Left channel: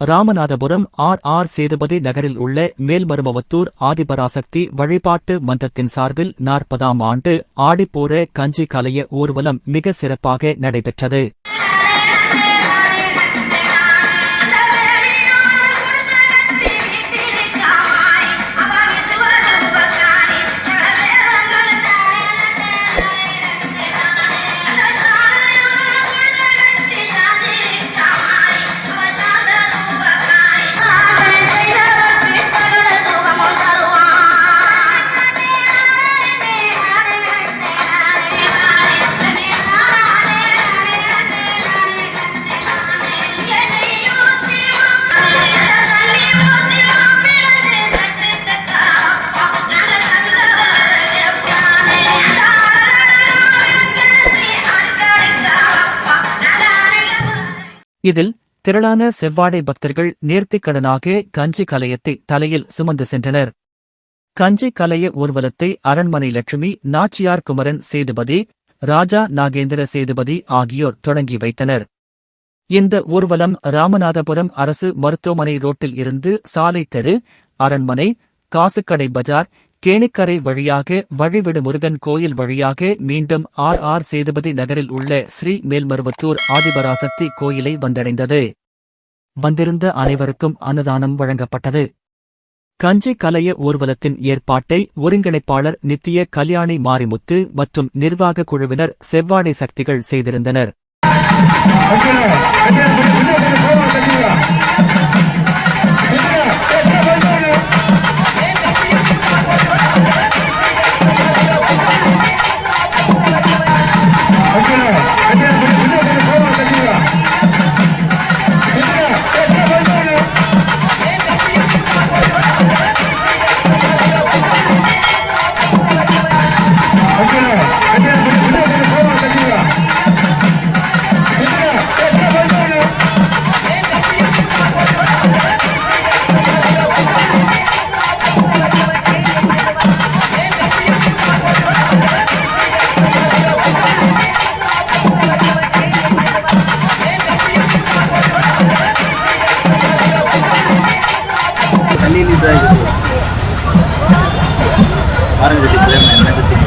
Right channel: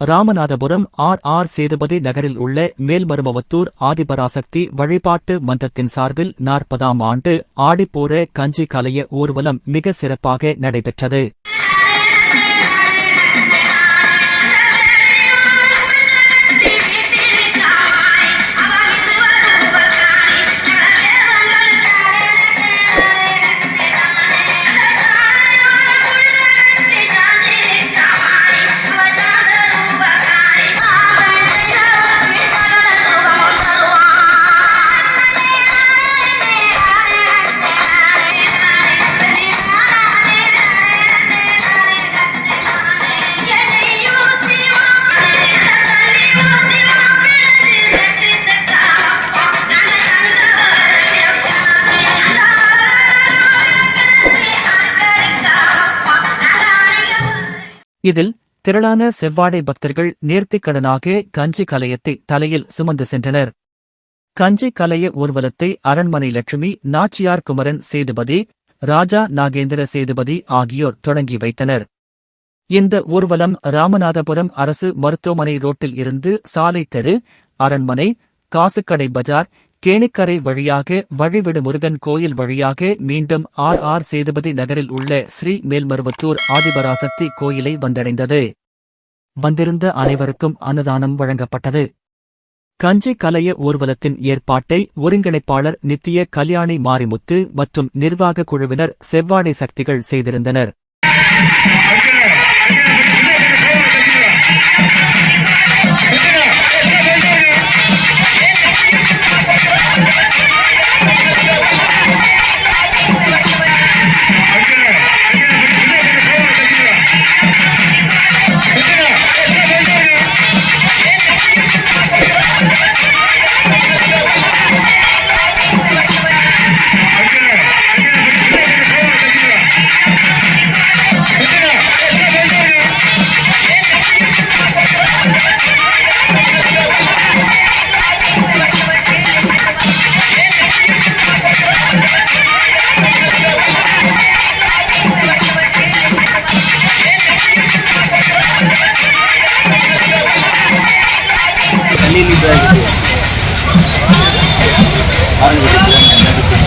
Ramanathapuram R R Sethupathi நகரில் உள்ள மேல்மருமவத்தூர் ஆதிபராசக்தி வழிபாட்டு மன்றத்தின் சார்பில் நாற்பதாம் ஆண்டு ஆடிப்போர கஞ்சி கலைய ஊர்வலம் மிக சிறப்பாக நடைபெற்றது. இதில் திரளான செவ்வாடை பக்தர்கள் நேர்த்திக்கடனாக கஞ்சி கலையத்தை தலையில் சுமந்து சென்றனர். கஞ்சி கலைய ஊர்வலத்தை அரண்மனை லட்சுமி நாச்சியார் குமரன் சேதுபதி ராஜா நாகேந்திர சேதுபதி ஆகியோர் தொடங்கி வைத்தனர். இந்த ஊர்வலம் ராமநாதபுரம் அரசு மருத்துவமனை ரோட்டில் இருந்து சாலை தெரு அரண்மனை காசுக்கடை பஜார் கேணிக்கரை வழியாக வழிவிடு முருகன் கோயில் வழியாக மீண்டும் ஆர் ஆர் சேதுபதி நகரில் உள்ள ஸ்ரீ மேல்மருவத்தூர் ஆதிபராசக்தி கோயிலை வந்தடைந்தது. வந்திருந்த அனைவருக்கும் அன்னதானம் வழங்கப்பட்டது. கஞ்சி கலைய ஊர்வலத்தின் ஏற்பாட்டை ஒருங்கிணைப்பாளர் நித்திய கல்யாணி மாரிமுத்து மற்றும் நிர்வாக குழுவினர் செவ்வாடை சக்திகள் செய்திருந்தனர். தண்ணி